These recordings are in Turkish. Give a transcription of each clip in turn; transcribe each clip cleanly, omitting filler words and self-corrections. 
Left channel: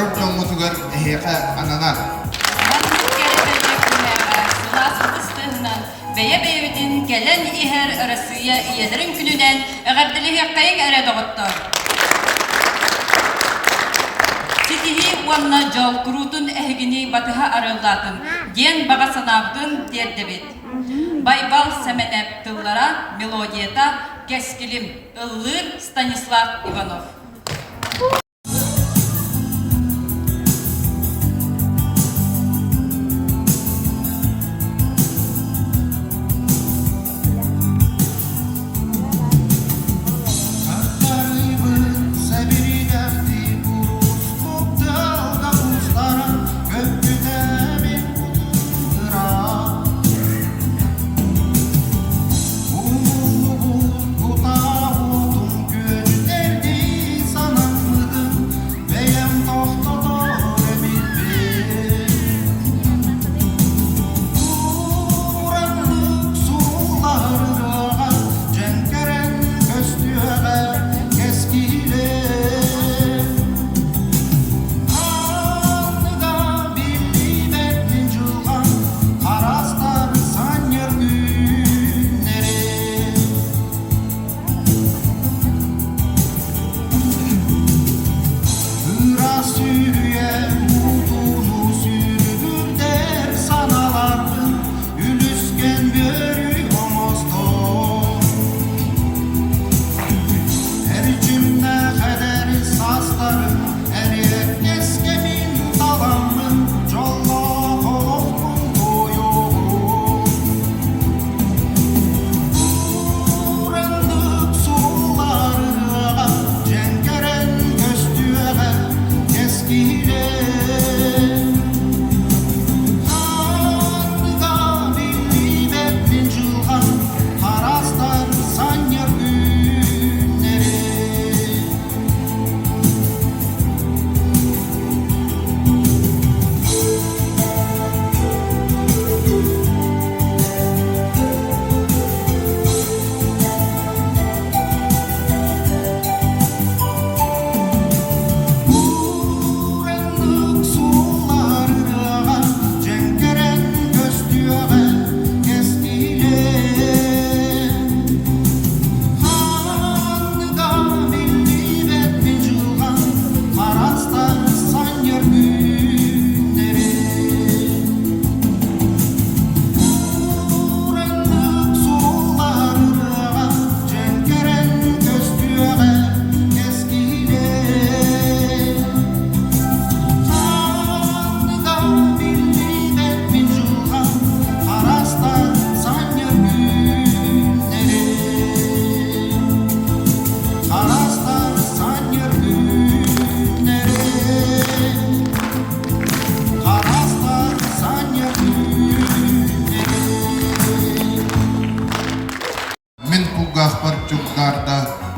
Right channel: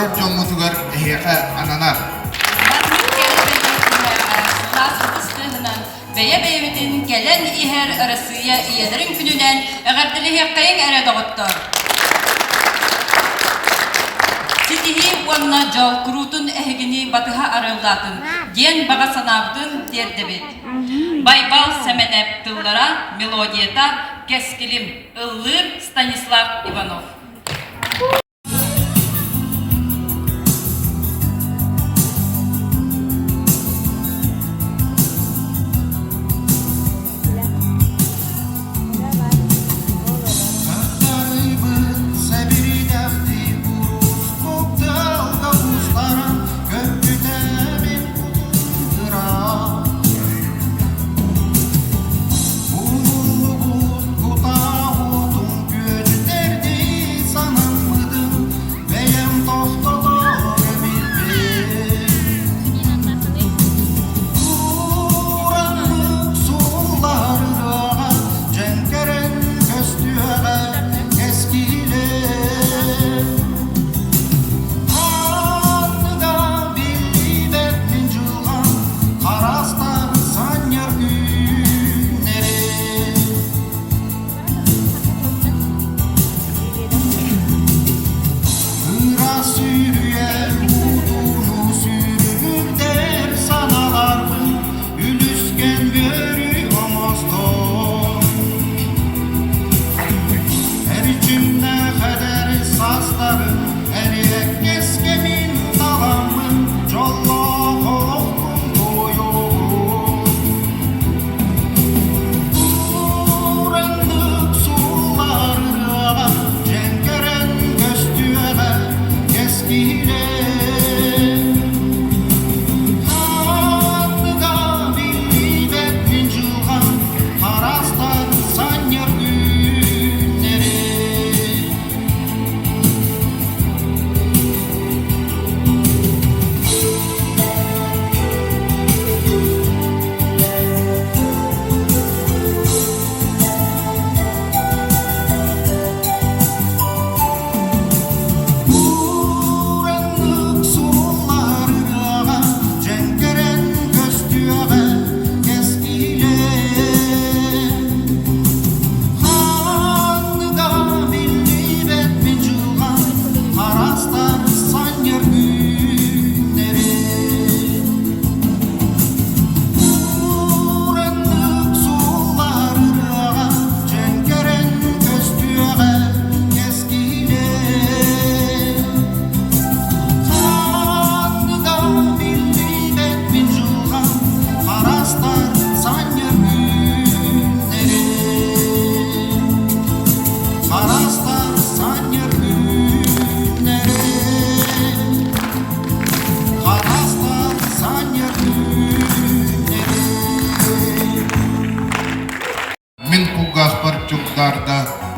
soror jongotugar meheka ananar. Beye beyvitin gelen iher arasıya iyelerin gününden eğerdili hekkayın ere doğuttur. Sitihi vanna jal kurutun ehgini batıha arıldatın, gen baga sanavdın derdebit. Baybal semenep tıllara melodiyata keskilim ıllır Stanislav Ivanov.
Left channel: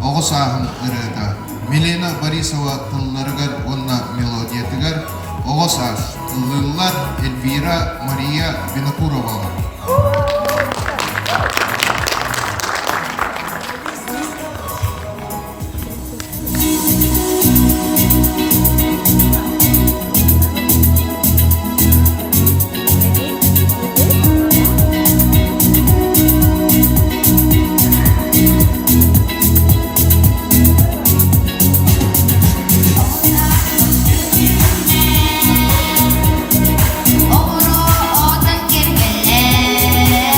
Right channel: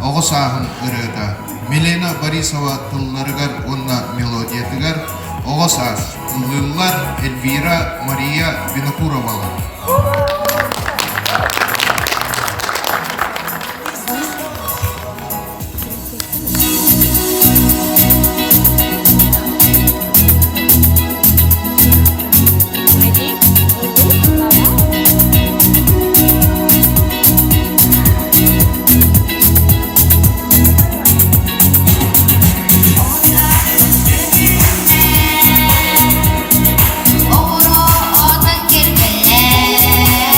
Oğuzahın ırıda. Milena Borisova tıllarıgar onna melodiyetigar Oğuzah ıllılar Elvira Maria Vinokurovalar. Oro odun kirgelle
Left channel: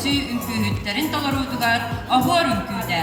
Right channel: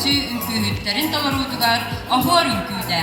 көрсү үңкүһүттерин толоруудугар оһуор үңкүүдэ.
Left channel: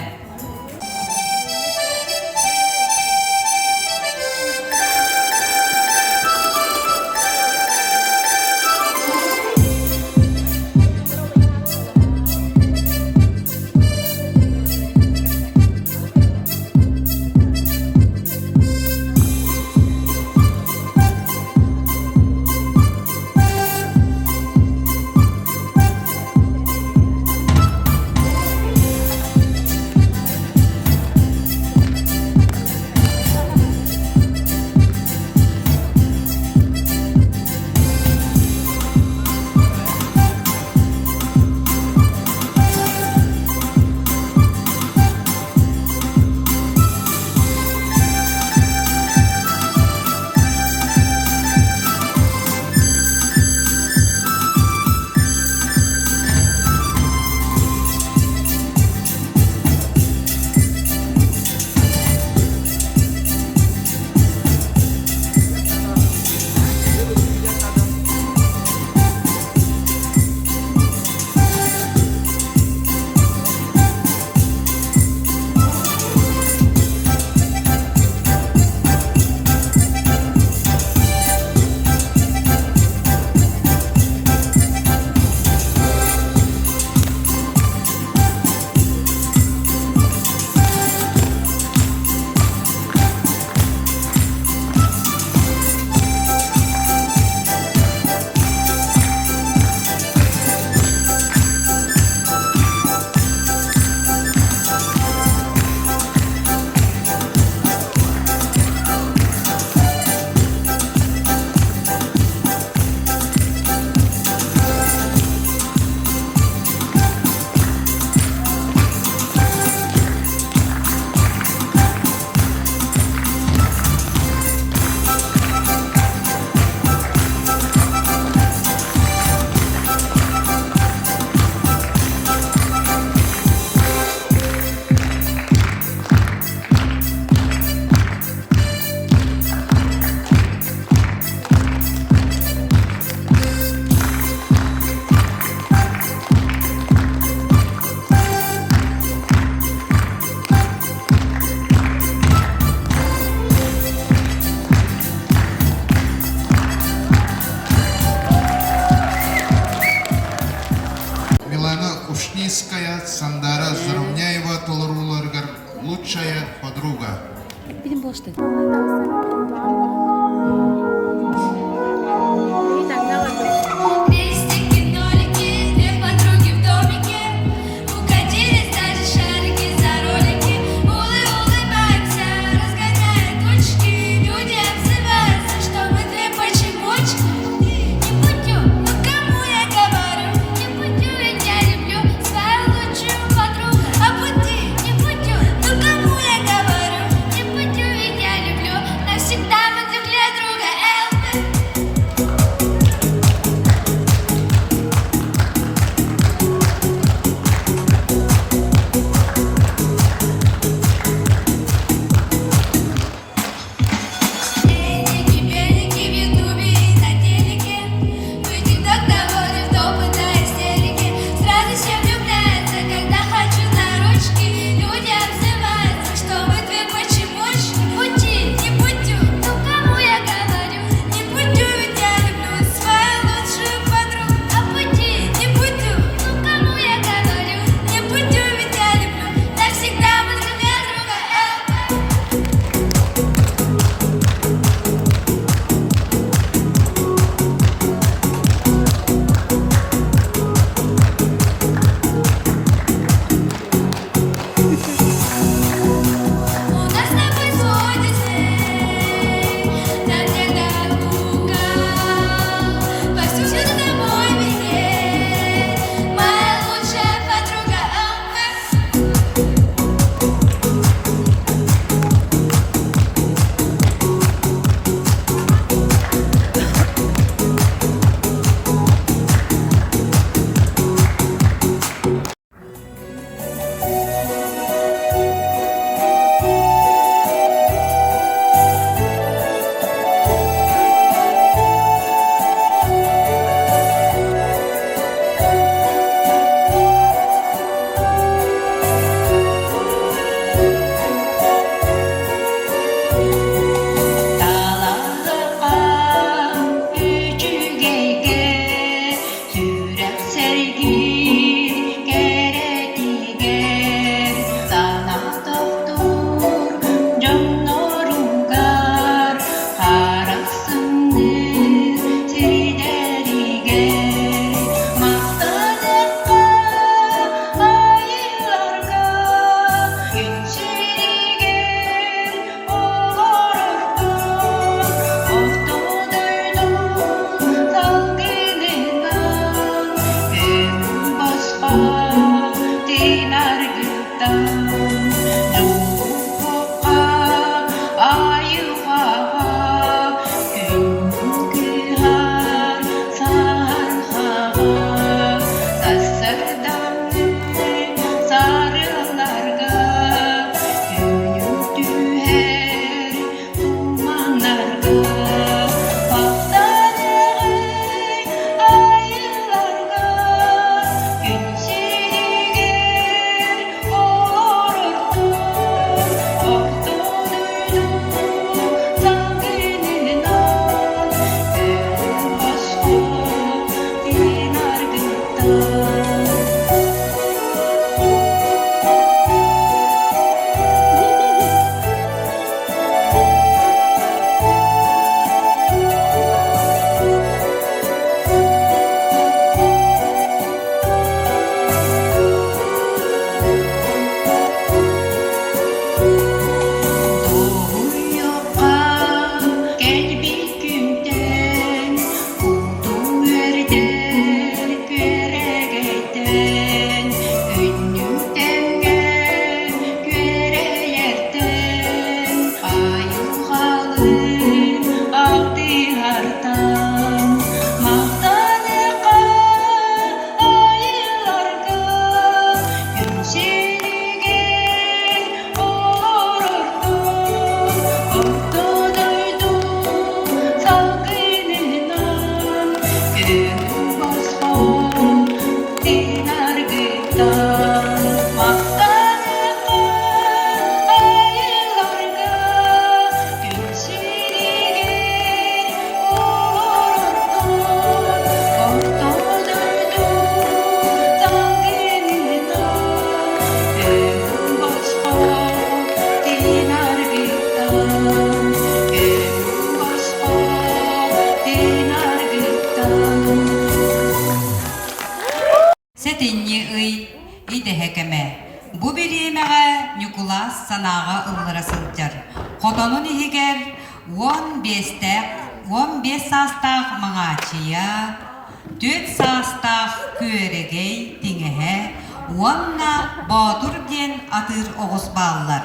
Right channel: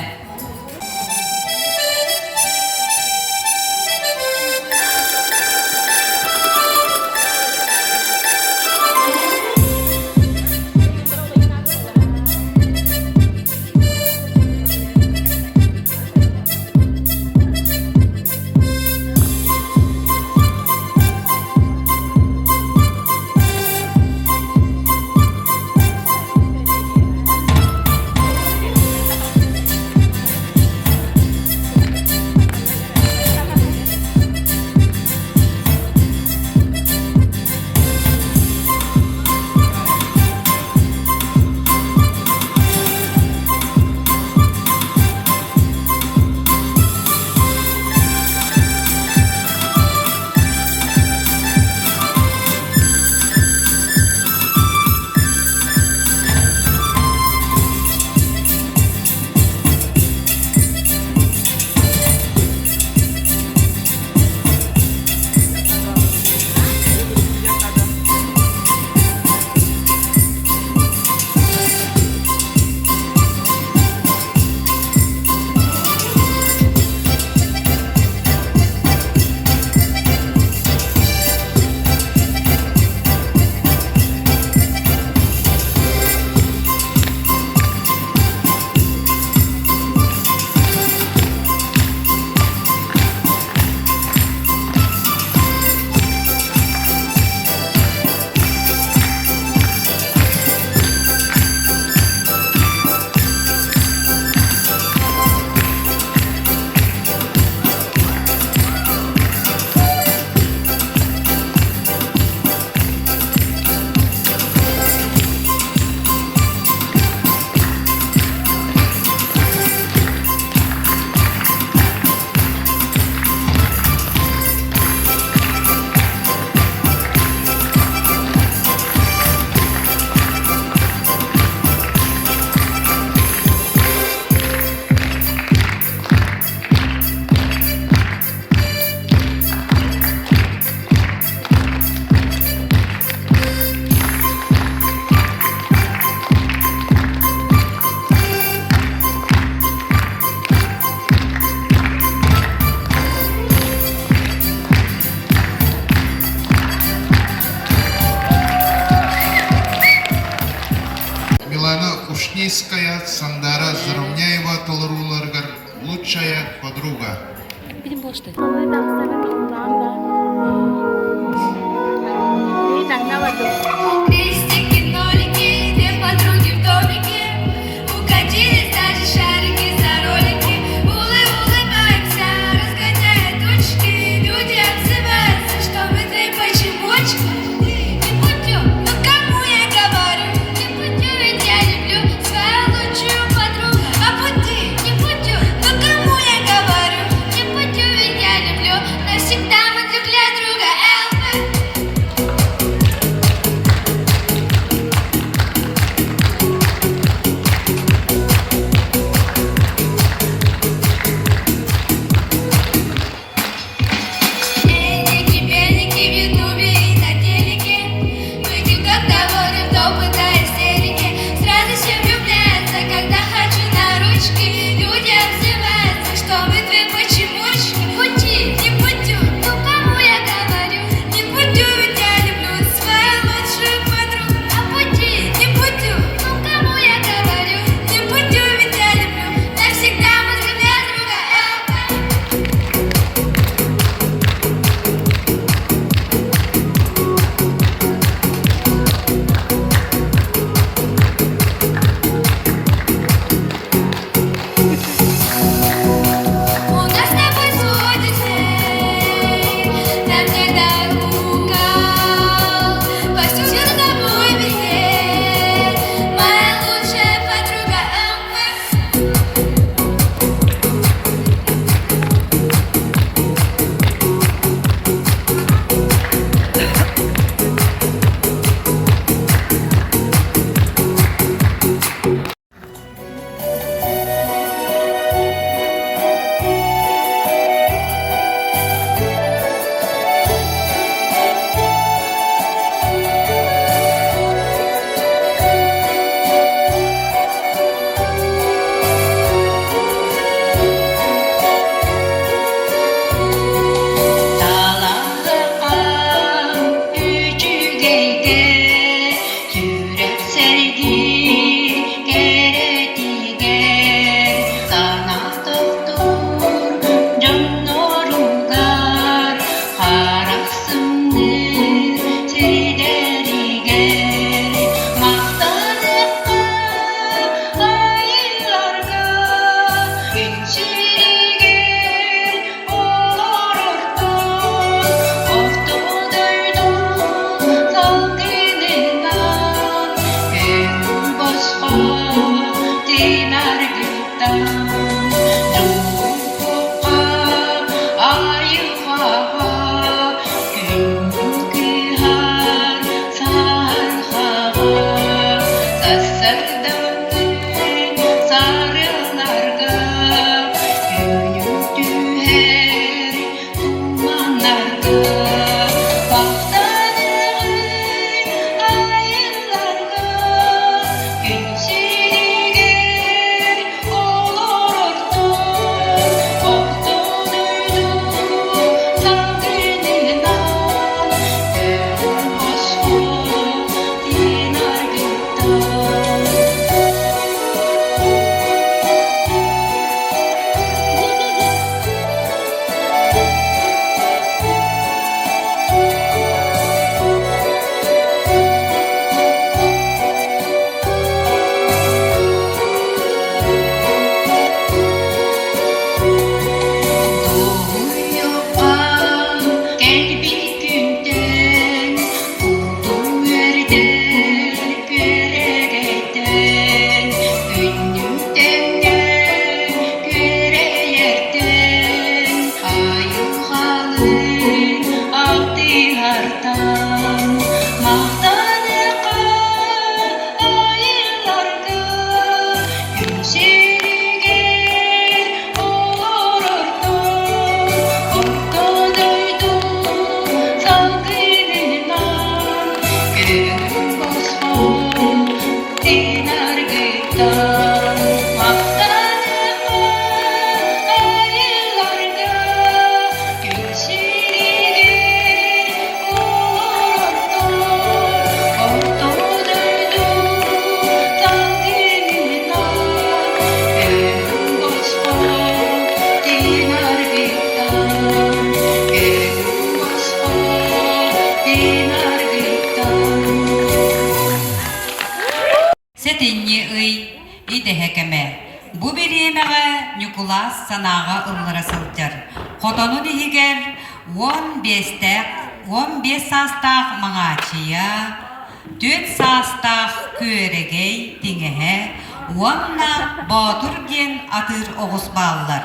Ушнийская Сандара Заровняева толоруларгар лучшая подруга. Bizim boşta. Крестики, нолики, две подруги в домике. Укатились даже шарики за ролики. Улыбаемся, разгоняя тучки. Люди отзываются, что мы две почемучки. Не путю, ну кому я говорю? Не путю, ведь я люблю свою лучшую подругу. А пути, не путю, ну кому я говорю? Не путю, ведь я люблю. Şirger olur orton, orton öydüm salgınından. Gönlüm bozkun dinar gıydan, maktanımı ayılarda. Gül şirger olur orton, orton öydüm salgınından. Gönlüm bozkun dinar gıydan, gönlüm bozkun dinar gıydan. Setinni ый иде хекеме. Бу бириемеге Николас санаага ыллара сылтар. Хотонун ихигер 15 састах маңачия, 4 састах күөрегей тиңеһе, уонна Батур диэн атыр оҕус бааллар.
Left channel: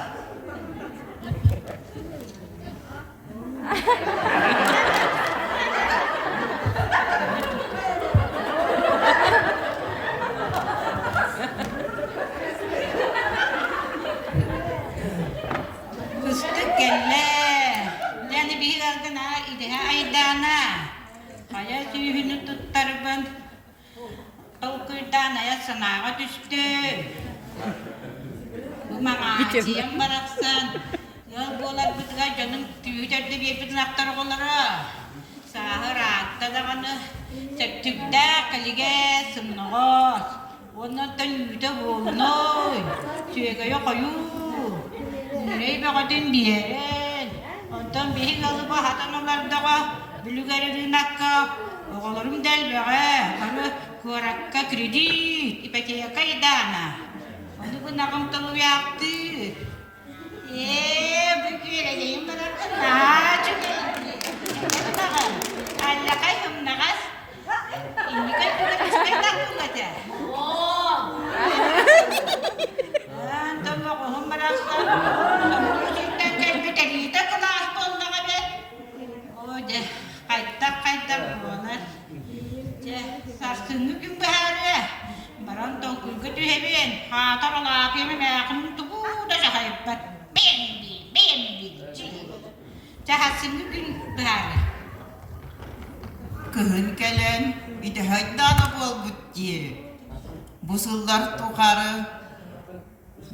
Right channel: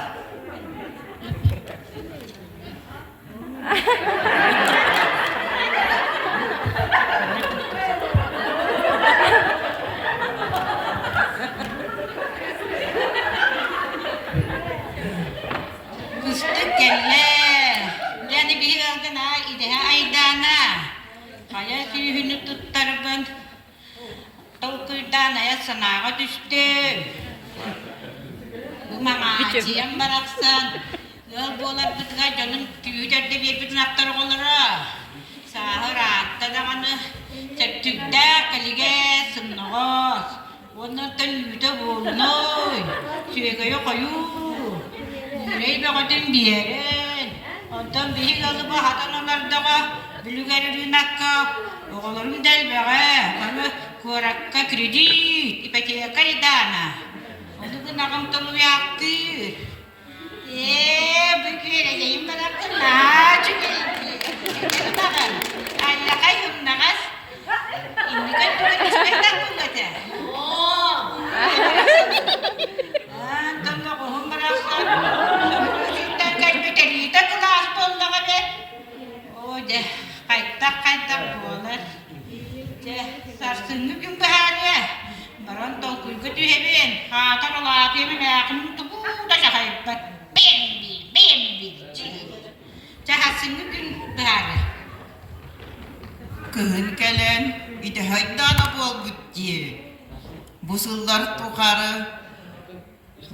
Kıstık kelle, yani bir algına ideha aydana, kaya suyunu tuttarban, tolkuydan aya sanağa düştü. Bu mağacıyan baraksan, yol bolar bitga canım tüyüder de bir bütün aktar olara. Sahır atta da kanı, çerçükte kalige sımnağız. Onlardan yüde bolnoy, süyege yok ayu. Nereye bakadın bir yerin? Ondan bir kalıba hatanalardağa, bülügerin akka, oğullarım del beğe, kanı kurakka kredit, ipekeye kaydana. Onu bu nakam tolu yaptı. Bu küreceğim bıraktın ha, çünkü bakın, Allah kaybım nakas, indi kadar ispekler bu kadar. Tolong kohon beraksın. Şimdiden kalbi kalite kelas bolda kabe. Oh deh, kaytak bolar. Deh, sarsını gün bahane. Baran tol kuygu tühebin. Hatar laki meyakin tubu da şahaybat. Beğendi. Cahatsını gün bahane. Kıhın kelen, ide haydana bol bütçe. Bu sıllar tukarı,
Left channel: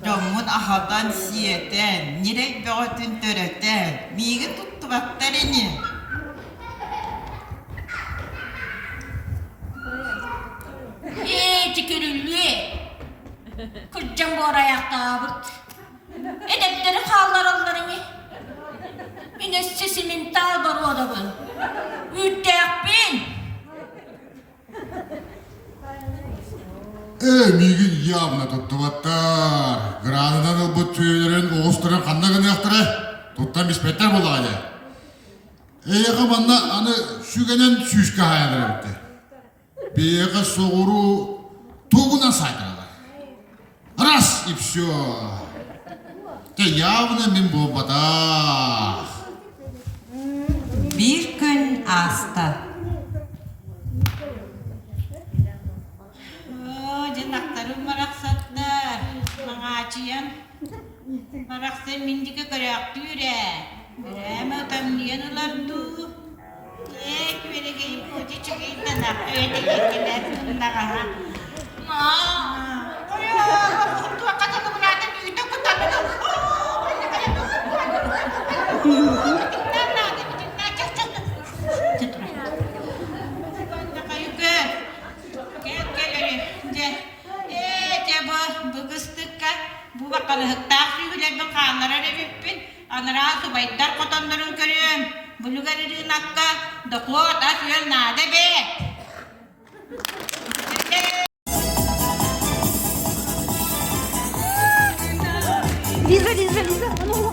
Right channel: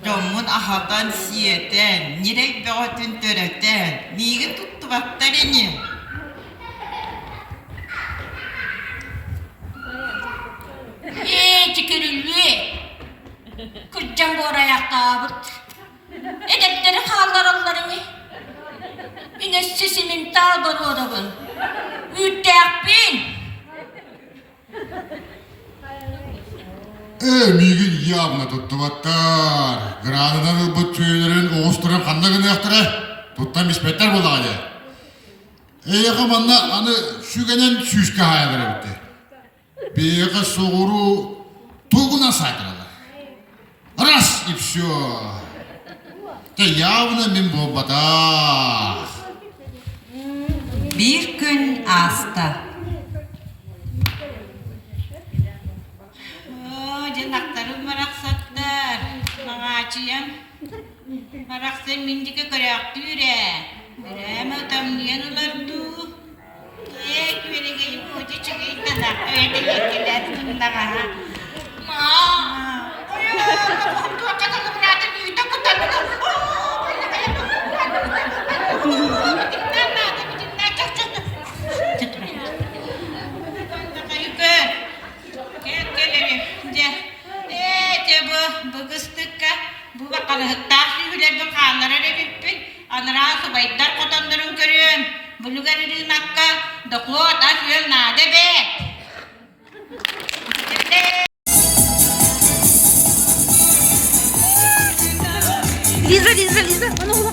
Jomun ahadan siyeten, nirek beğatın töreten, migi tuttu baktarini. Tükürüllü. Kırcan bu ayakta abırt. Edepleri kallar onları. Yine sesinin dağ dolu adamın. Üttek bin. Мигил явно туттубаттар. Гранадан bu tüylerin oğusturan kandan gını yaktırı. Tuttan bispetler buldu gayda. Eyaka manna anı sügenen süske hayadır bitti. Beyaka soğuru tuğuna saykılalar. Ras ipsyo. Te явно min bobatah. Bir gün asta. Janaktarım maraksatlar. Mangacıyan. Maraksan mindike karakti yüre. Bireme utamniyan ulardu. Böyle gelip koca çıkayım tanak. Öyle yekiler bunlar ha. Kapağım tuğa kaçakım rahatı büyüdü kutanlar. Böyle kaya bu bakal hıttak sügüler bir kanlara redipin. Anara subaytar kotanların körüyüm. Bulugar irin akka. Doklot as yol nade be. Лиза, а ну,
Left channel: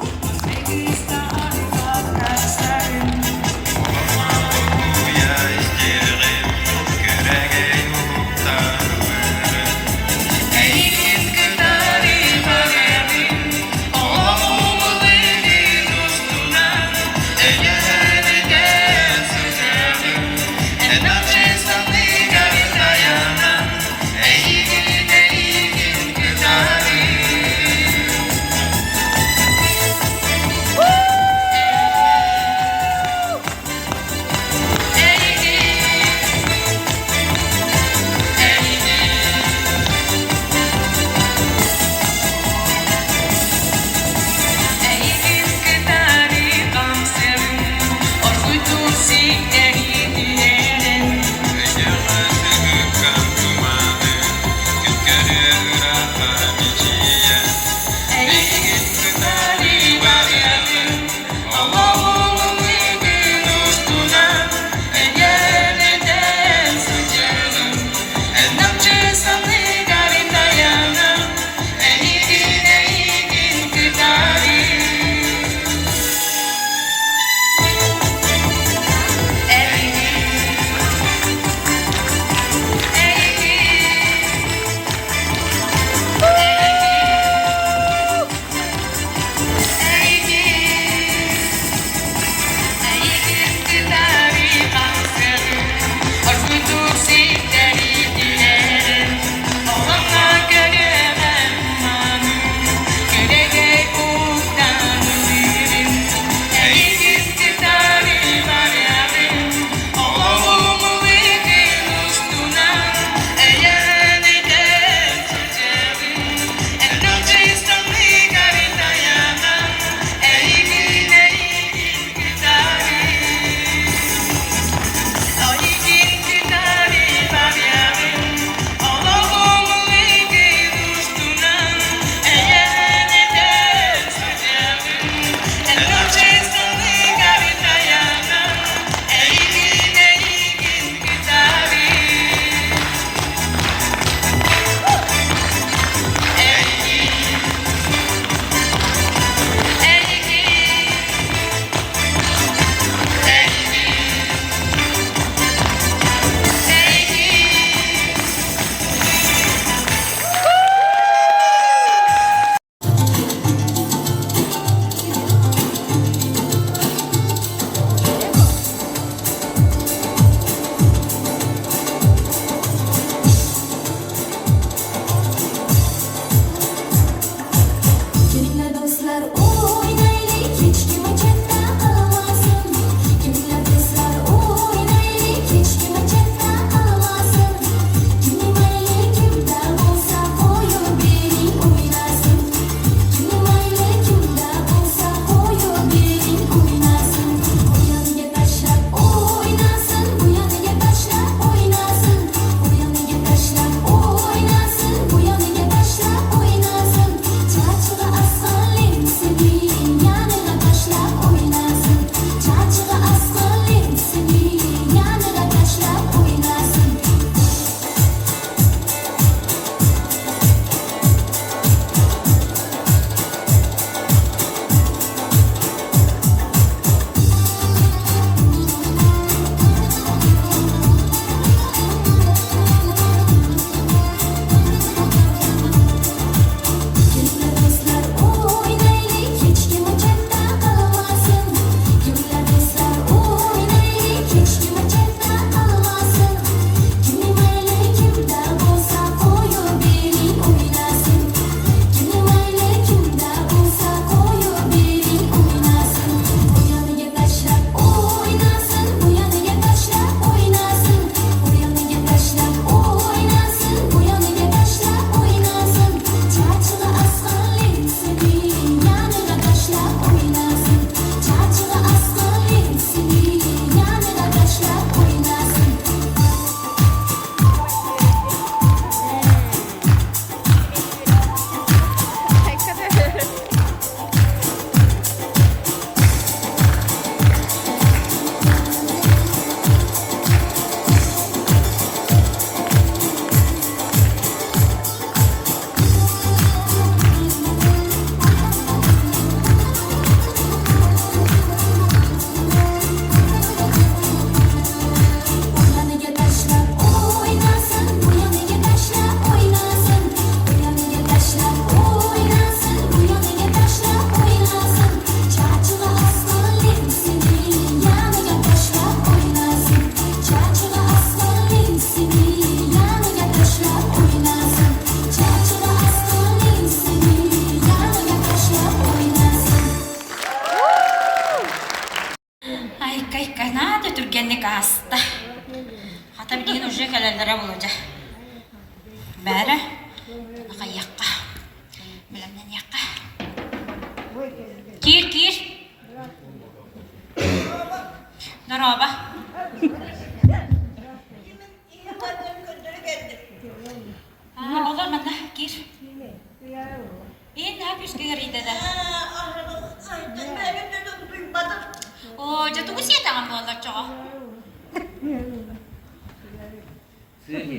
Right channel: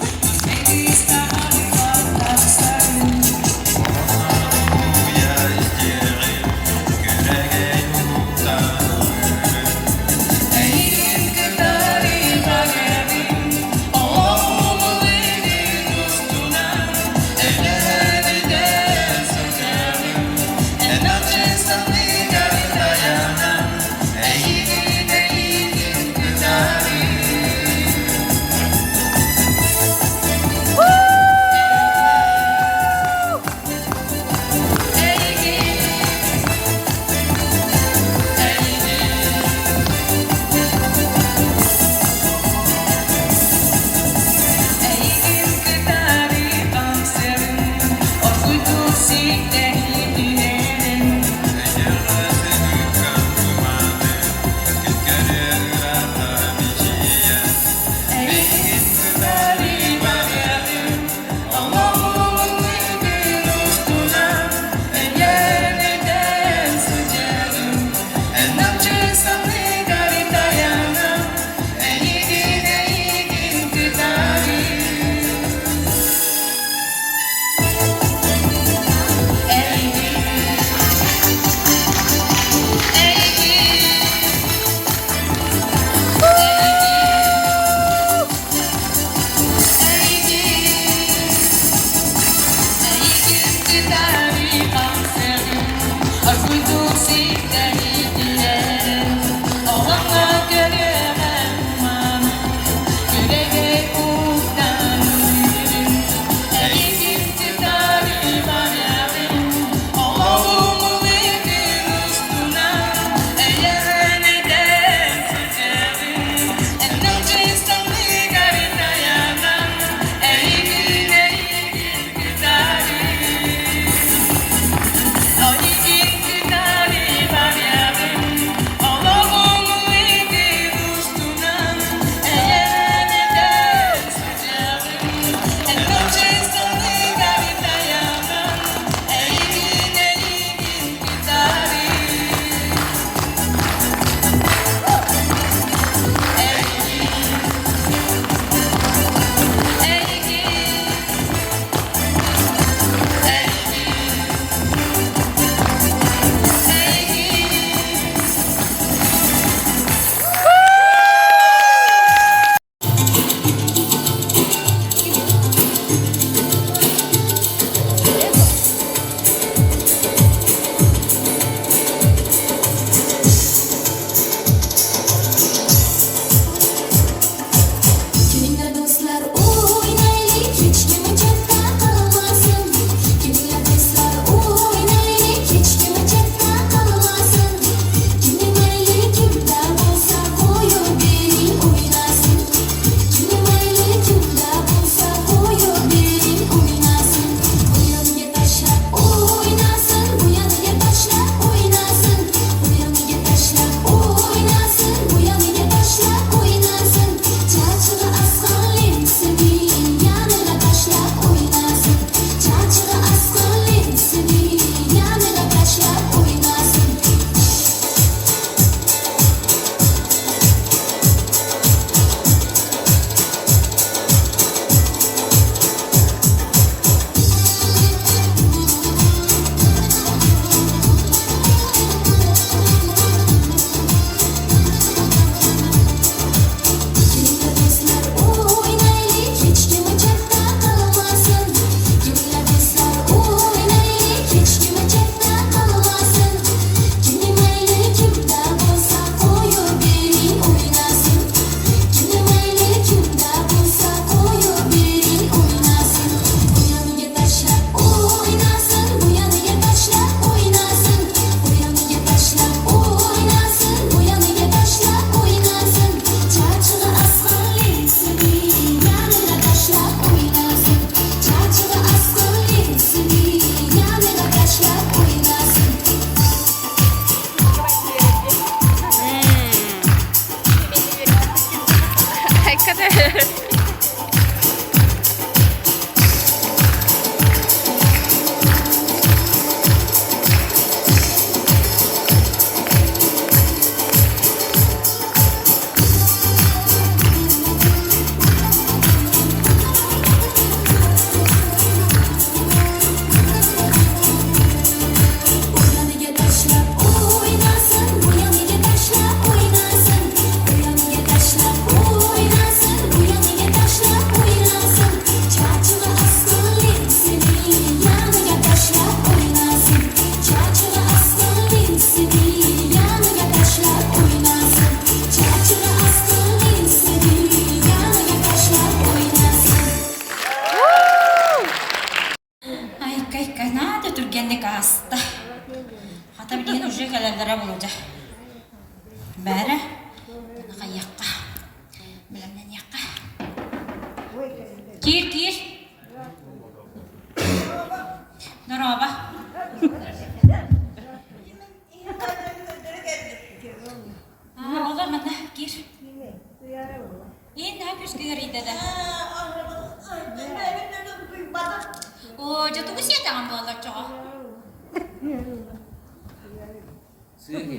Oynasın, bu yanıya taşlar oynasın, bu yanıya İyi ne yapıyorsun kıyırıydı da? Oo, jatuh usia tangan bola cowok.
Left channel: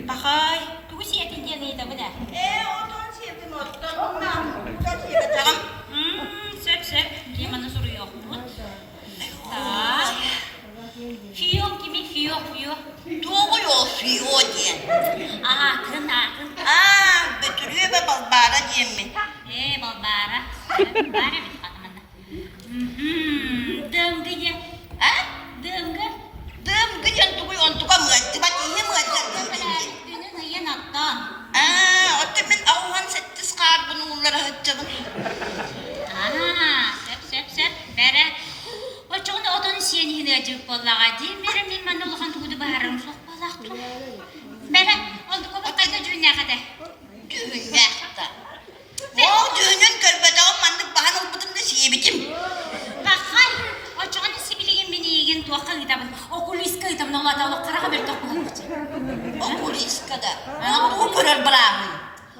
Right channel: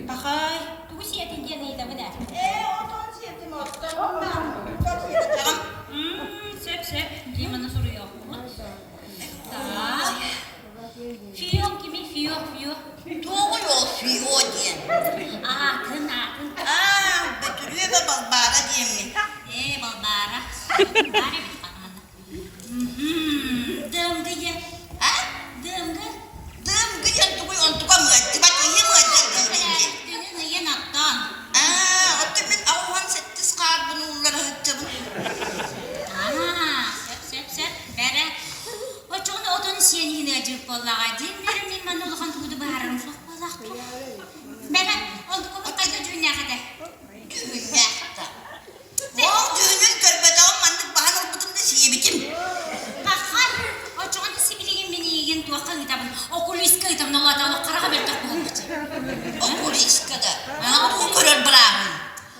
Pakai, tunggu sih ya tinggi nih, tapi dah. Sep, gimana suruh ya? Fiyok kimi fiyok. Doğuyor suyu diye. Kena. Betülüyor ve balbara diye mi? Balbara. Balbara bir tempat mana? Dengge ya. Dengge. Dımgı yantıkı ontuka mı? Tibat iyi mi? Dengge ne nattan. Otemin avuhan settis karbon uğurları hıccabın. Sep. Bere. O çoğunda odanın siyeni acık ballağa değil. Benim mana ulakan tuğdu baharım sok ballak tuh. Bere, oldu kopuk kayda düğüne kadar. Düğünlerde. O düğünün körbede olmandık bahan olmadığım da şeye biçim. Bakay, o çoğunda sibiliğin beni yiyin tuakan kitabın. Okul iska kitabın Allah Teala karağa bir takı olmadı. Okul iskada. Bu körür bırakın.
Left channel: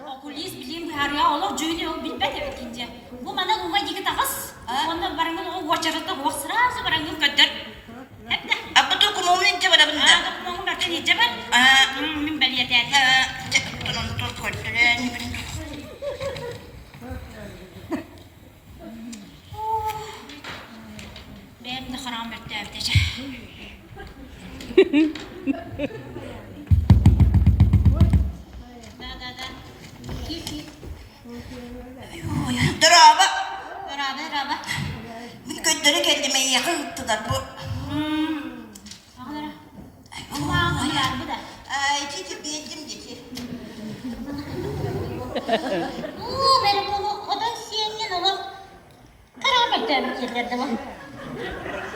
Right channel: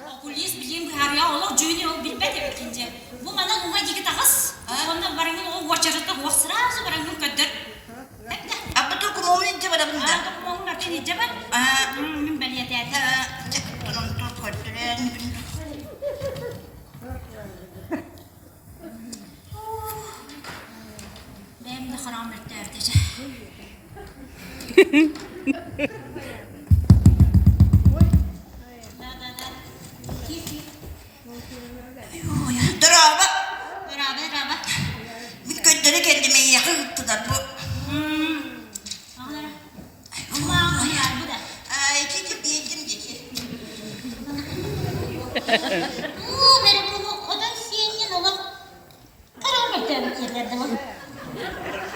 Okulis bileyim her ya Allah düğünü o bilmedi ikinci. Bu bana numay dikit ağız. Ondan barangın o vaçarıda o sırası barangın kadar. Hep de. Apa tuh kumomin coba dah benda? Mau makan di jalan. Min beli hati. Nonton kotoran. Benim de karam bekle evdece. Da. Kif. Draba. Beraber. Bir kötülük kendime yakın da bu. Ulan ya bu da. İki bildim geçir. Benim bunu odan siyenin ola. Karam bekle evdece bak.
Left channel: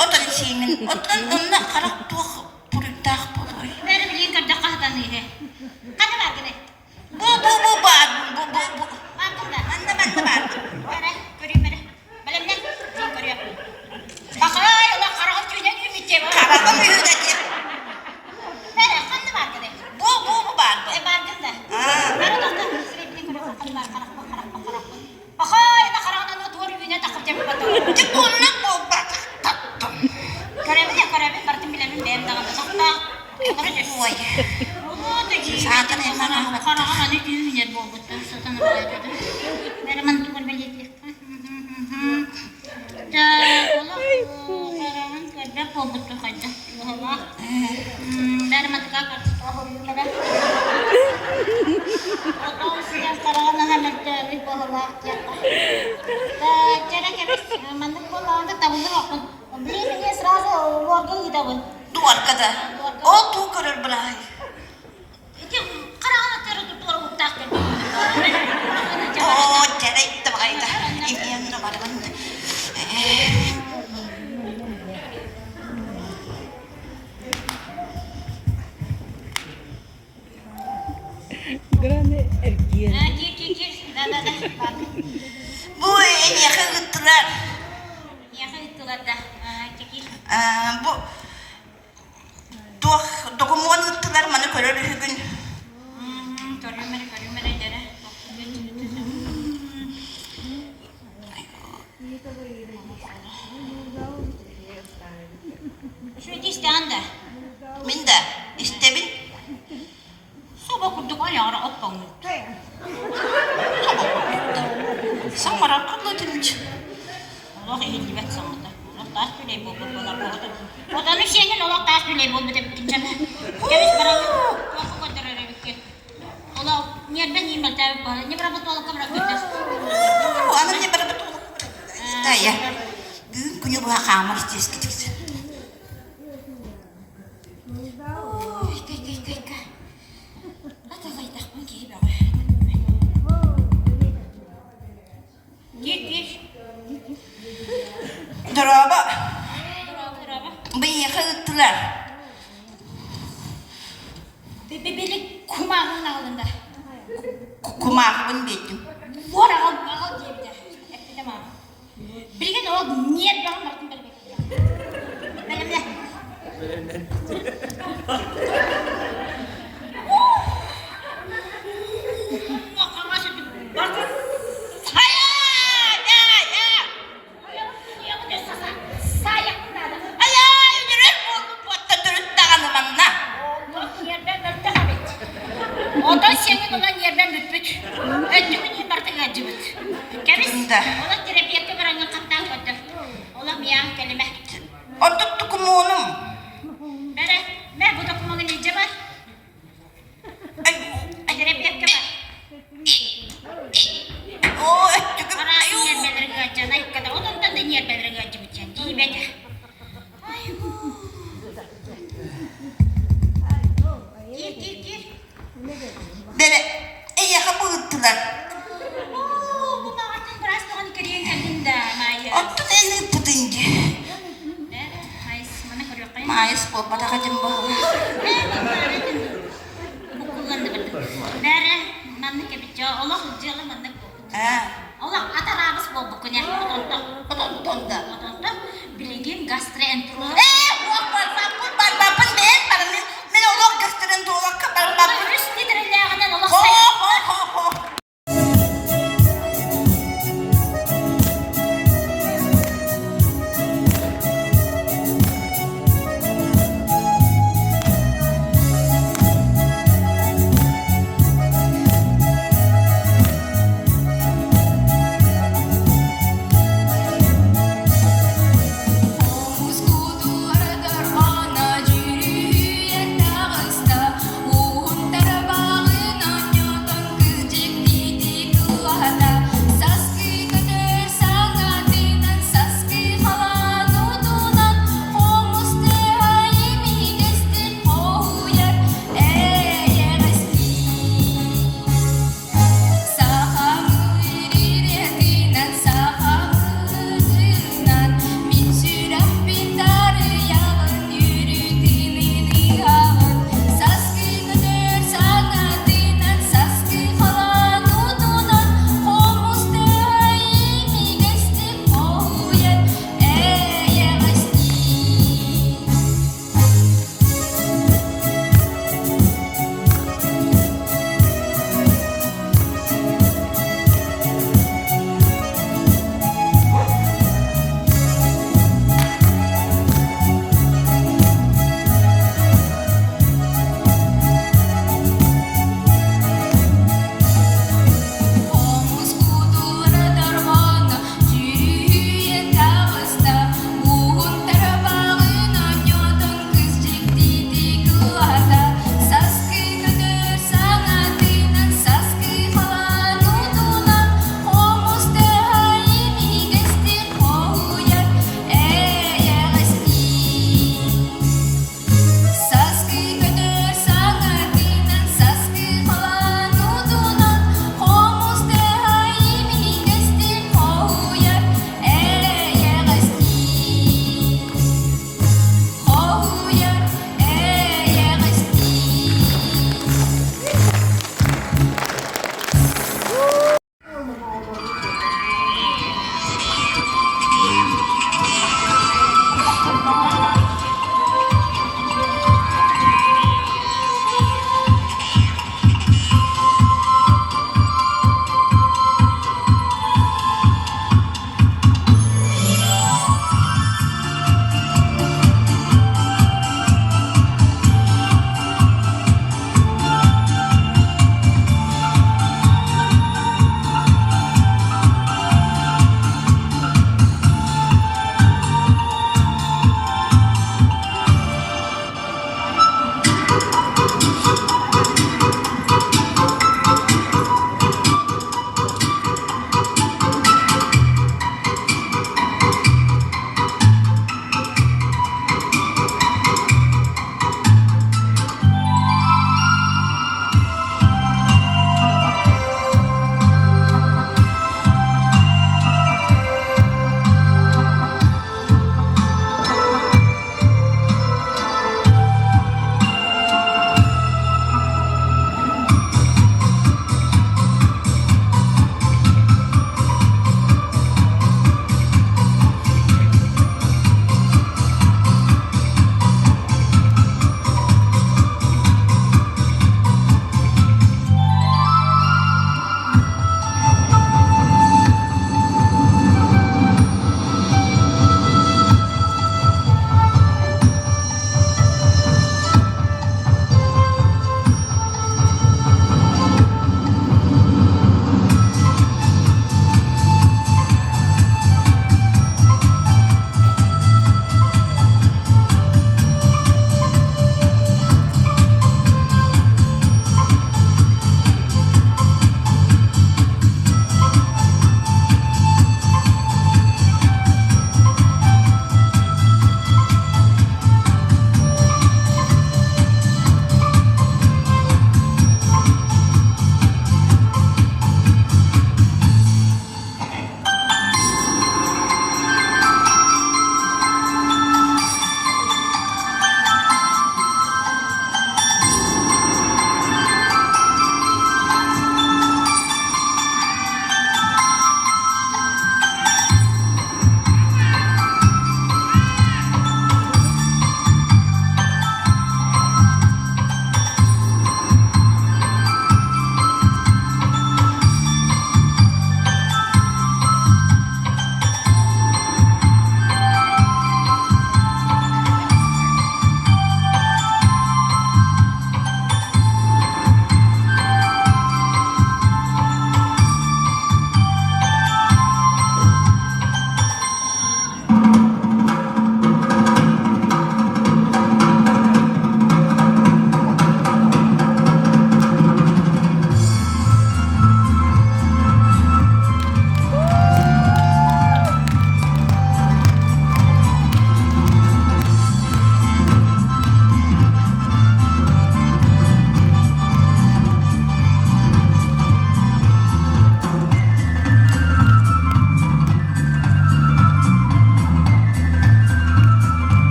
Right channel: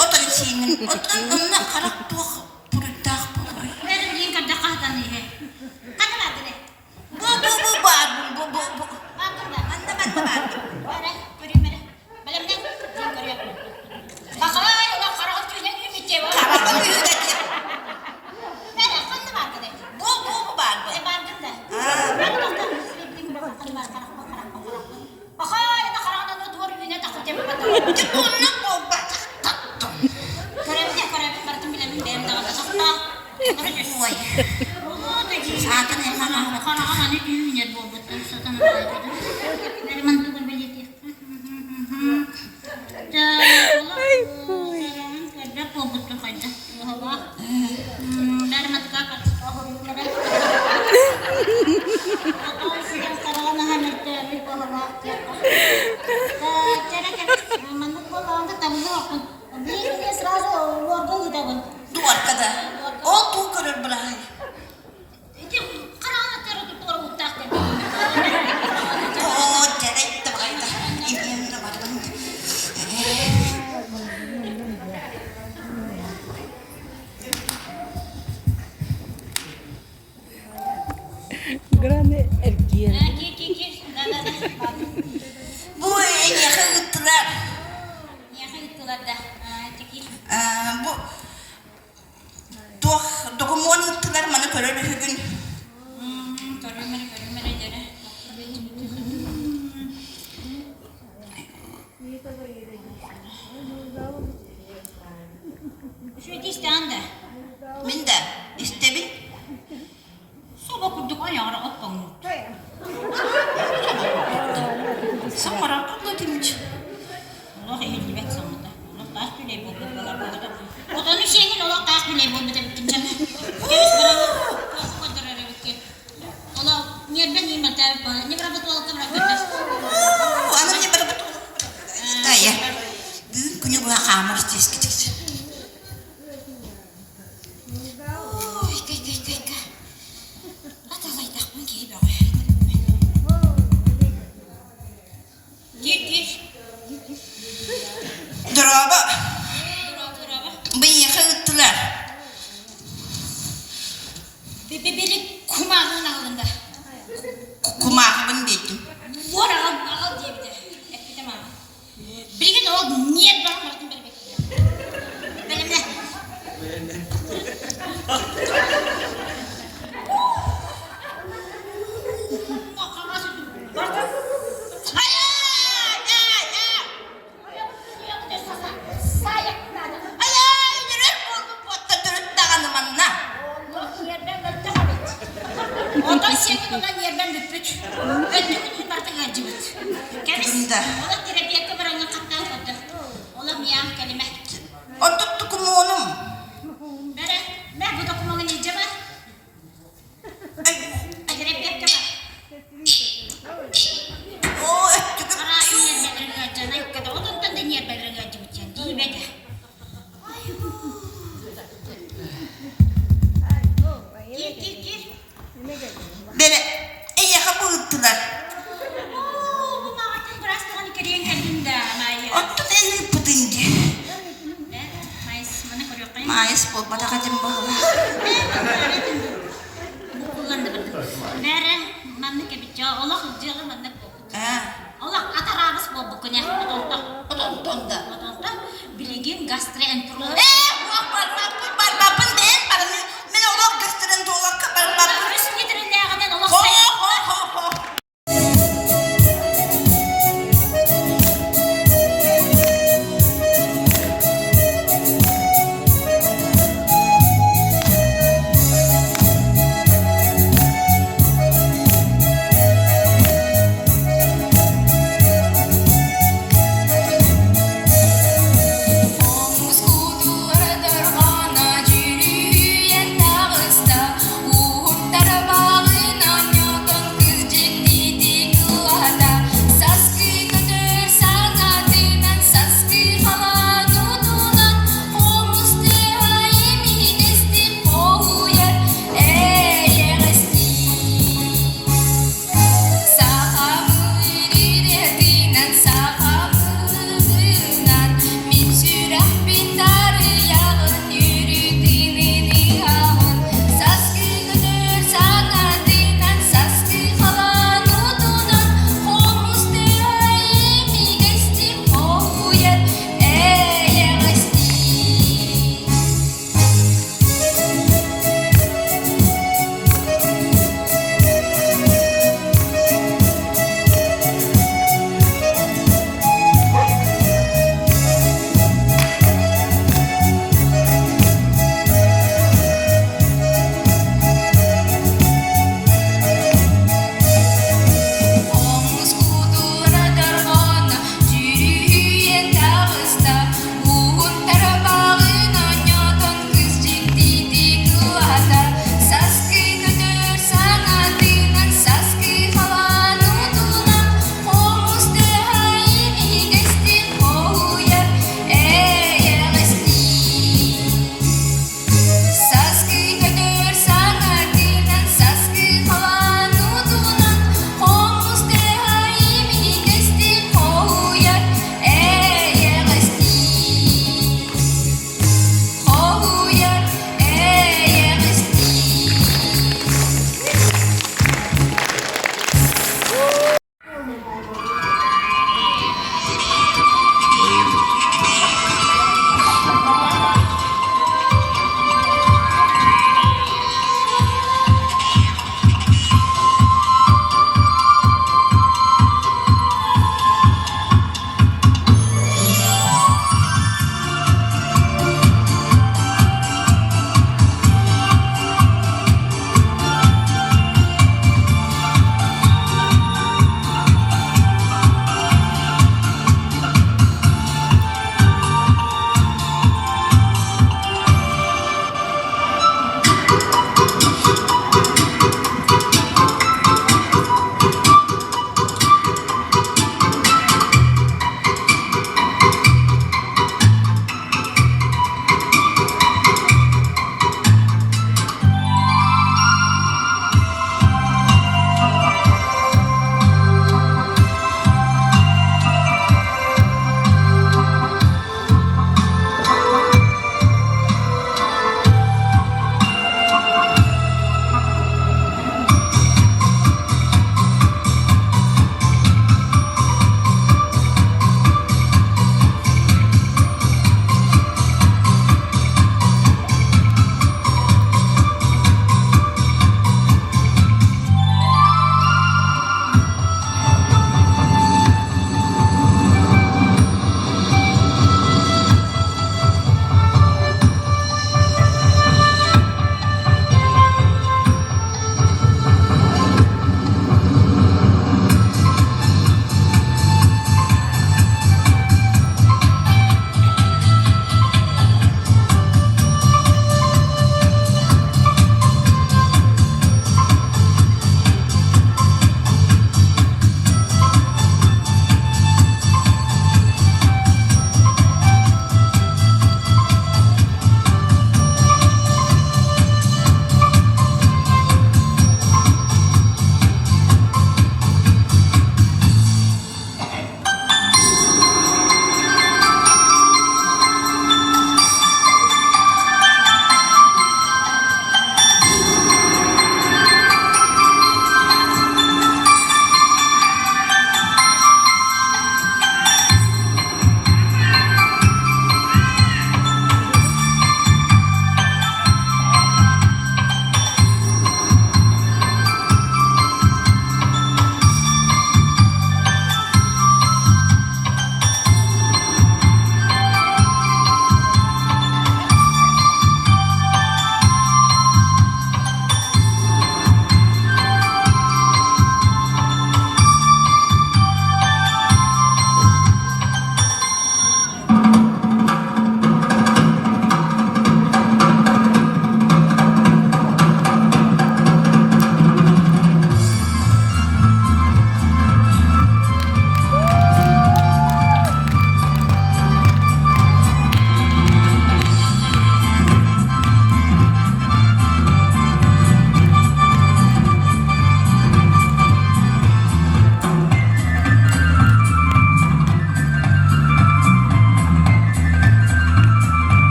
Otan şeyimin, otan onunla karak tuğ pürüktağ buluyor. Benim bilin kadar kahdan iyi. Kana var gene. Bu. Bakın da. Anda. Bere, göreyim bere. Benim ne? Zin görüyor. Bakay, ulan karakın tüyden ümit var. Karakım yüzdeci. Bere, kandı var gene. Bu bardı. Barkın da. Bere doktor. Sürekli böyle bakın var. Karak. Bakay, da karakın o duvar yüzüne takıp tepki bakalım. Çıkınlık bu bak. Korevi, Martin bilemin benim dağında sakla. Vay. Zaten emang kana ne düğün yer bu satın alaydı. Benim mantıklı belirti. Benim kerja pobutu kaca. Benim mantıklı karşı kahurumlara. Otom sudah karana hamet bir bahwa ya. Cara mantıklı olanda tabuzu akın. Beli serasu warga kita pun. Duvar kadar. O tuğ körür bırakın. Karena terus utak dan Oh, cara itu kayaknya. Ini yang nomor mana? Grande erkiyen. Bu en yakın gittiler. Bu dokumun gittiler bana körür hügün. Minda, istebil. Soba kurduk ayağına oppan. Samara kutladın hiç. Allah iyi bet sandı. Allah taş tüley bu oldu. Odanın şeyinin Allah taş tüley bu da bitince. Gemiş bana. Çok kadar bitti. Allah nereden yemek tabi bana. Ne berapa tuh kamera kita. Anaknya pada betul. Ya. Punya buah kamar sedikit. Gir. Draba. Duraba. Bıyıkı gittiler. Bebeli kumağın ağında. Kumarın dedim. Var al diye bir de. Hep bir de mama. Bir gün o niyet bırakmadın beni bekliyor. Benim ne? Hayır! Kebis, Bunda. ola terapiyakka barangın kattan koydu. Ola miyam kelime. Otuttu kumonum. Bere, ben bu dokumanın nece var? Ay, Terapiyakka var. o öttüküm. Parasını yer belirin gacana ikkada, odundan da yer belirin gacı bitiyen. Diyemedi. Gir. Böyle eyaha bağıttılar. Oo, bu mağatın biraz doğanı kariyen kendinde. Maya. Ottu elini pıtıncı. Mayıs, bana koruyor kayın. Mayıs bol bada kadın bağı. Bu kullandı bir. Nere, manlık yapıcı, ola hıcılı manlık bu. Ha. Ola atarabız bu bukunya, otonta. Otontonda. Otonta, bilingin gastroenterolog. Wah barbapan men olok gösteren tuğlak kabar babın. 100 litre lağından ola Ho sayı. ho.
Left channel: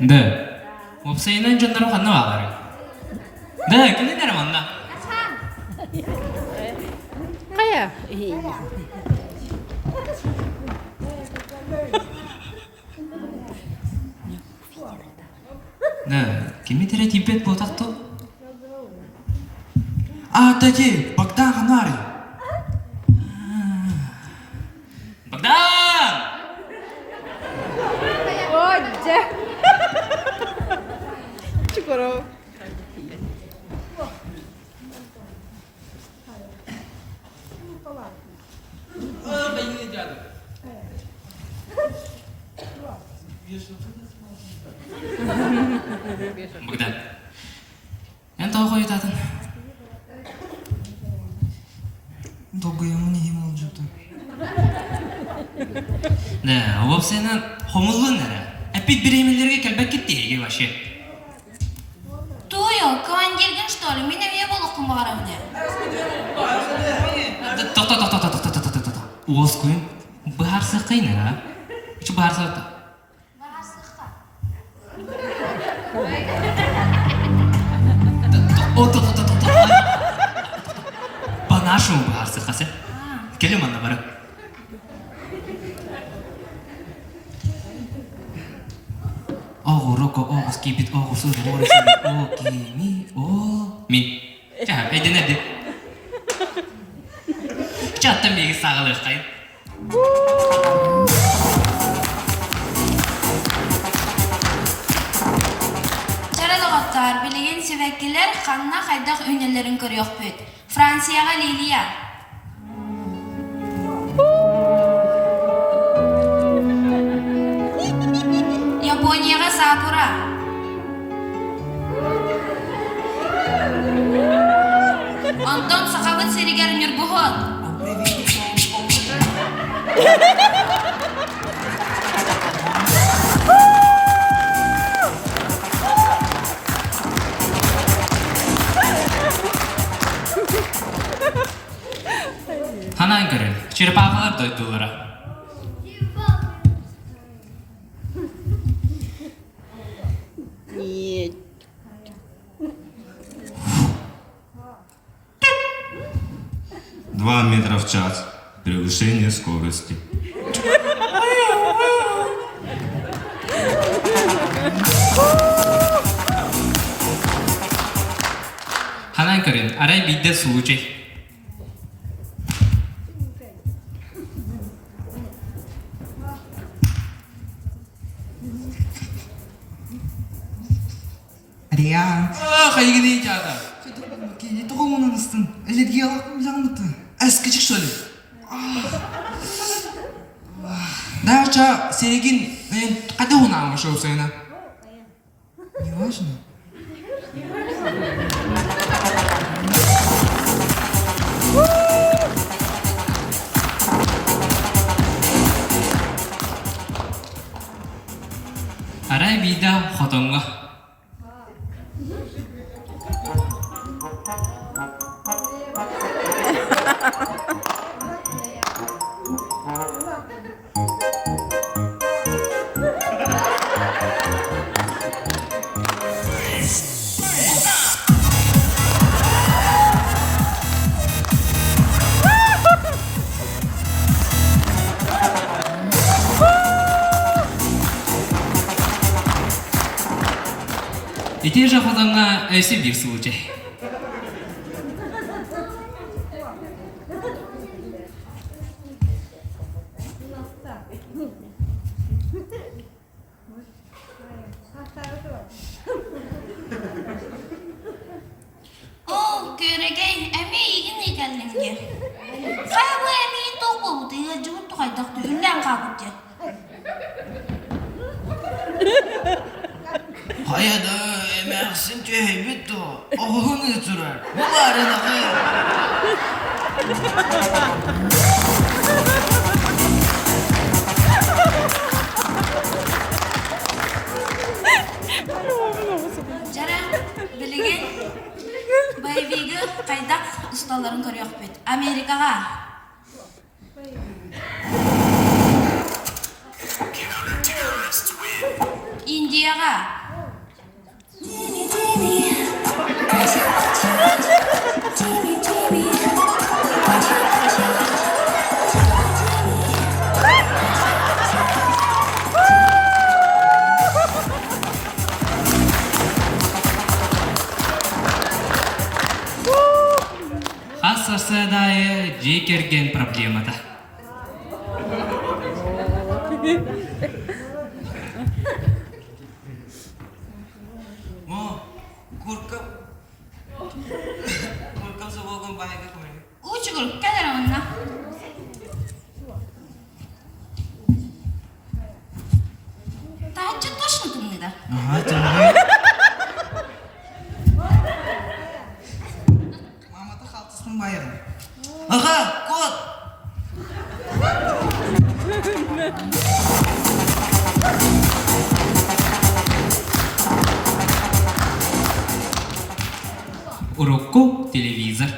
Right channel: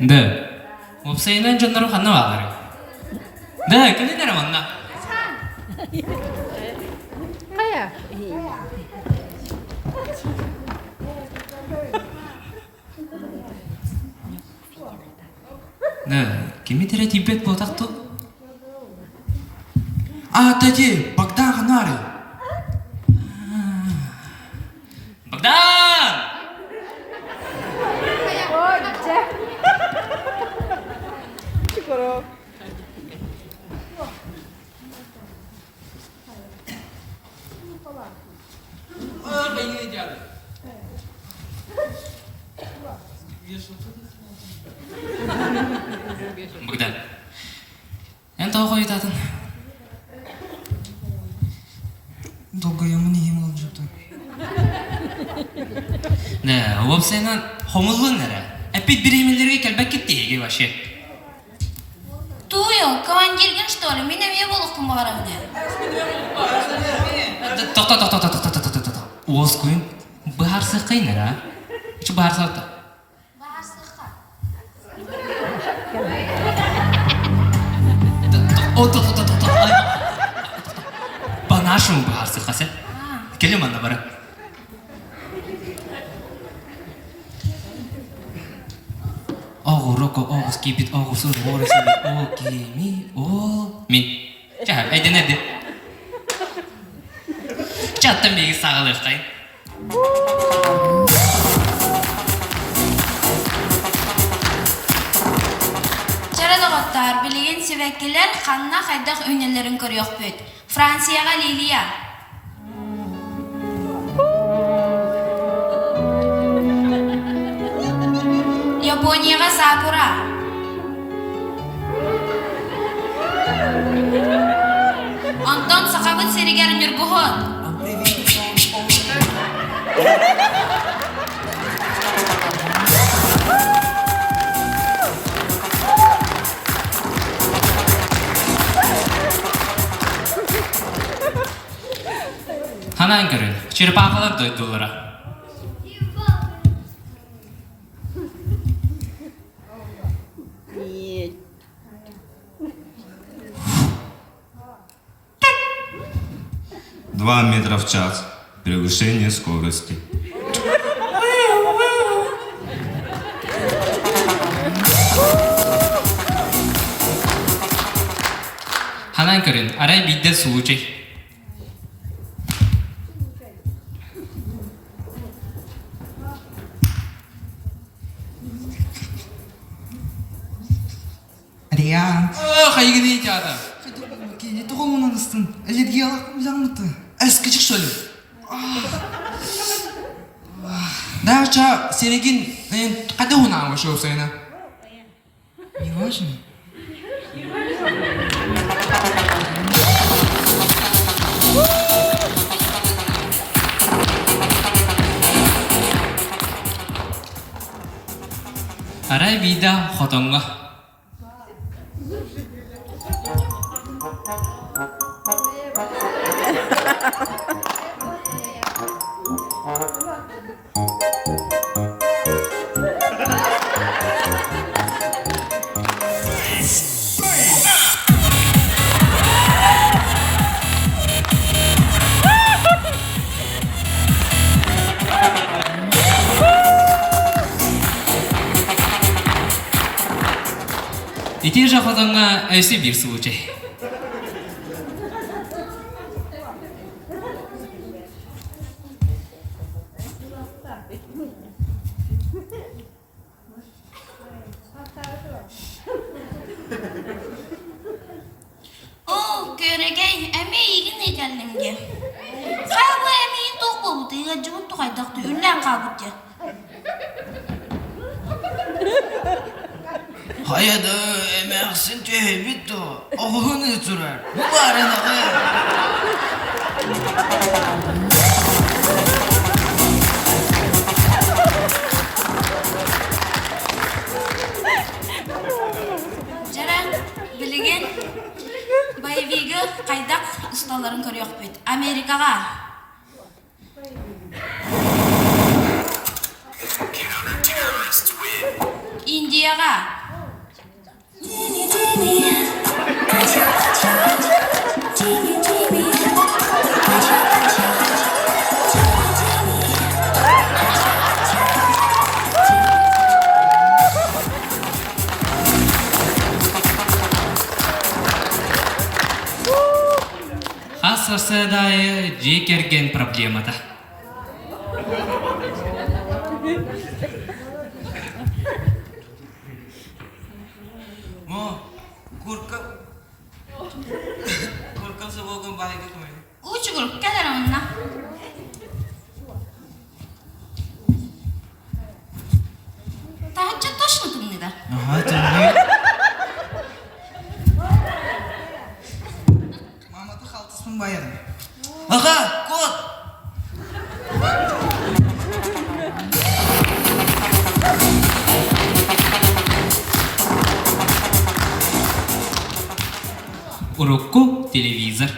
네. 옵세이는 전화로 갔나 와가래. 네, 끌린다라 만나. Kaya. 네, 김미태의 뒷백 보닥도. 아, 따지, 박다 가나래. 박단! Oh, Jack. Siguro. 박단. Yan tahu kayo tatang. 도그영은 힘을 주도. 네, 옵세이는 허물건 나라. 에픽 비리밀리르게 결백 кетти вообще. Туйо, командирген, что ли? Меня не было в Магаравне. Тоқ. Оос күйін бағар сыққай нара. Үчі бағар сақта. Банашым бағар сыққасы. Келем анда бара. Оғыр, оғыз, кейбет, оғыр, сұр, оғыр, сұр, оғыр, мен. Жа, айден әді. Чаттан бегі сағылы қай. Жаралығаттар, білеген себәккелер қанына қайдақ өнелерін көріоқ бөт. Францияға Лилия. Японияға Сакура. Антон Сақабыт Серегер Нұрбұғын. Ханан көрін, черепахалар дойдулара. Нет. 2 метра в час. Превышение скорости. Ханан көрін, арай бидде суучай. Риан. Қайғы не жады? Кене тоғылмынан ыстын. Әлерге алақым жағыныты. Әскічік шөлі. Дача, Серегин, қайда ұнауы шоу сайына? Не важно. Арай бида хотонға. Ити жақатанға әйсі бір сұлычай. О, көрегей, әме егін екәлімге. Қабы әмейін тоқ болуды, елжігіп тұқайдақты, үллән қабыды. Hayada emersin tühebitto. Oğunu turar. Bu barına be. Жара, білеген байвигі қайдақ ұсталарын көріоқ бет. Америкаға. Индияға. сырсы дайы же керген проблемада. Мо, коркам собогон байга көмөр. Учугур, кәдерімінна. Тағатча точно тымныда. Ага, тымны. Маматы қалтысын байырын. Аға, кот! Урокко телевизор.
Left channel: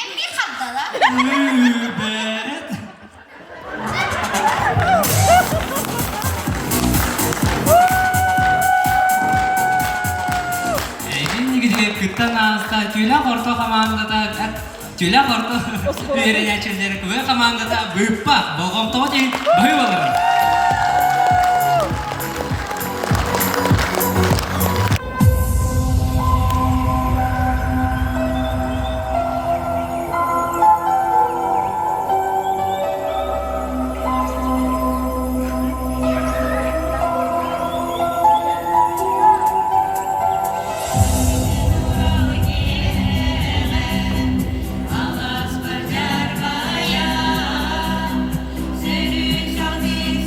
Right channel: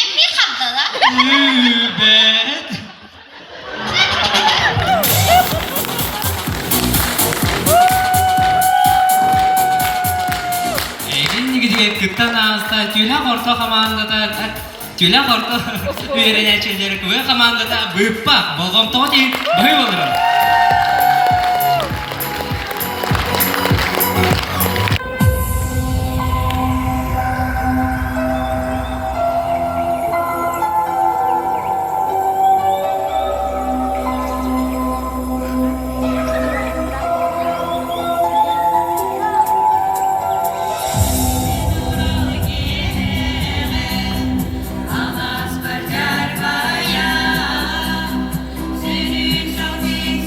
Emmi xabdala. Кыттан ağızda tüyle korto komandada tüyle korto üyerençileri kuvve komandada büyük bak bolgom toğutin büyük olurum. Alas berjar baya, senin songin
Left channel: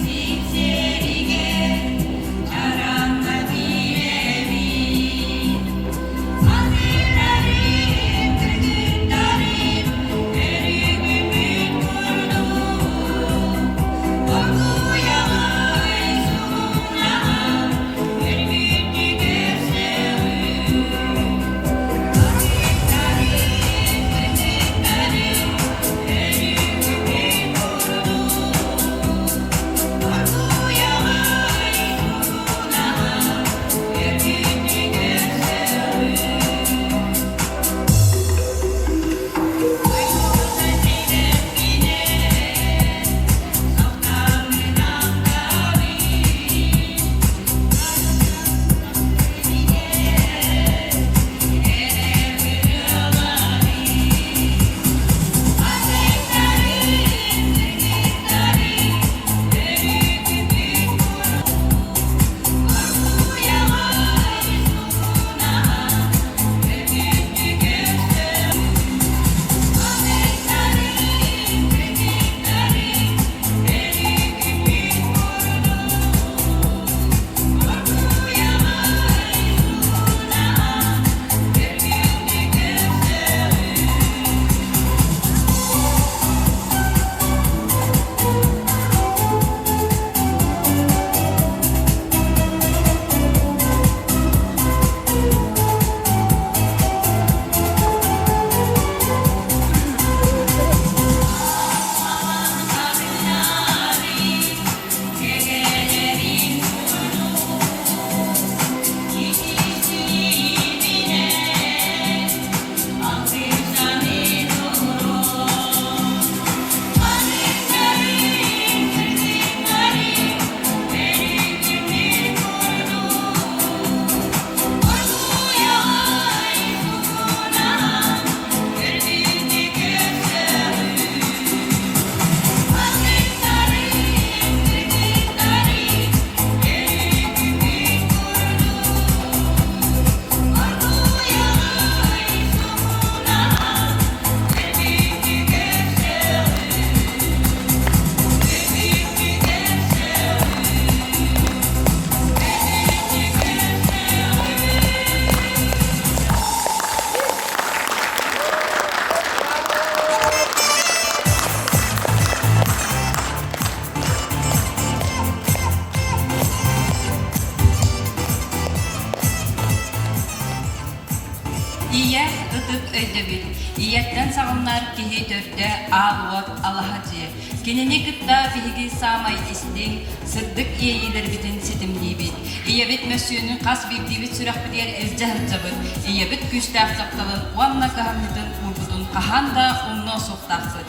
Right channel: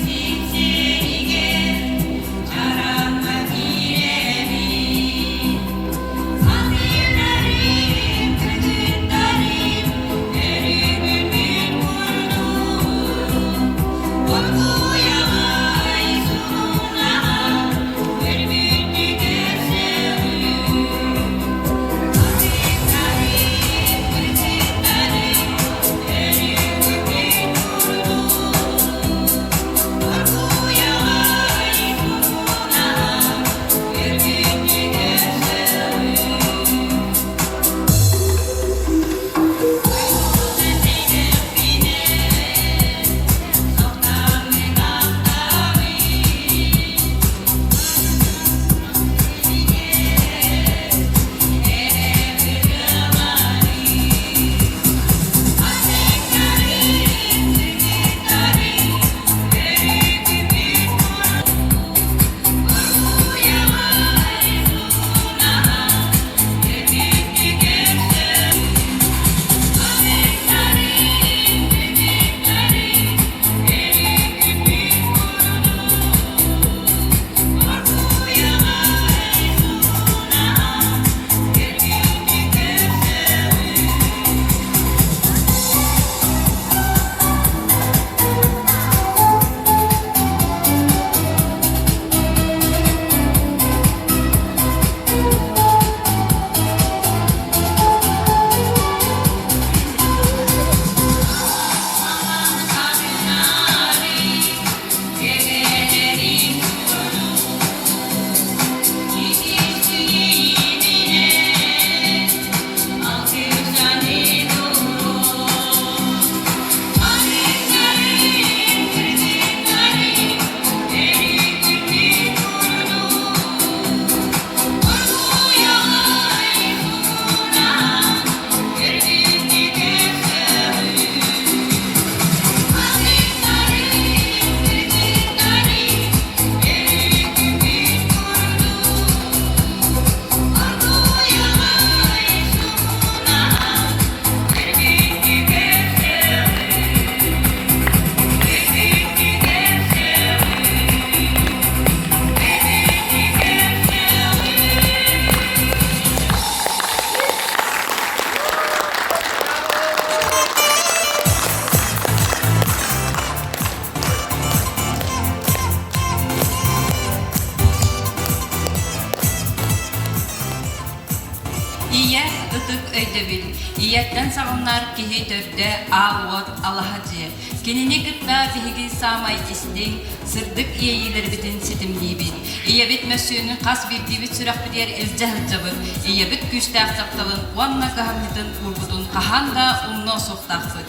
ытык өйдөбүл. Ийеттен сағыннар кихи төрдө аалуот алахаджы. Кинени кытта биһиги самай истиң сырдык ийелер битин ситимлибит. Иебит мәсүүнү кас бирдибит сүрәхбидер илжахылжабыт. Иебит күстәк сакталын уанна кахамнитын урбутун каханда умно суктахсыт.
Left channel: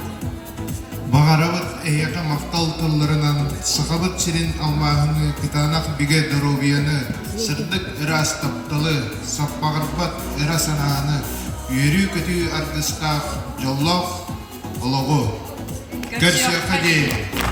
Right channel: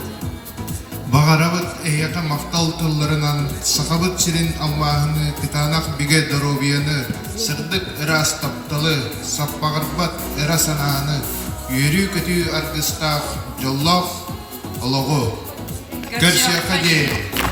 Бағарабыт эйяка мақтал тылларынан сақабыт сирин алмағыны кытанақ биге доробияны сырдык ырас тапталы саппағырбат ыра санааны үйрі көтü аргыстақ жоллақ олығы. Көрсияқа дейін.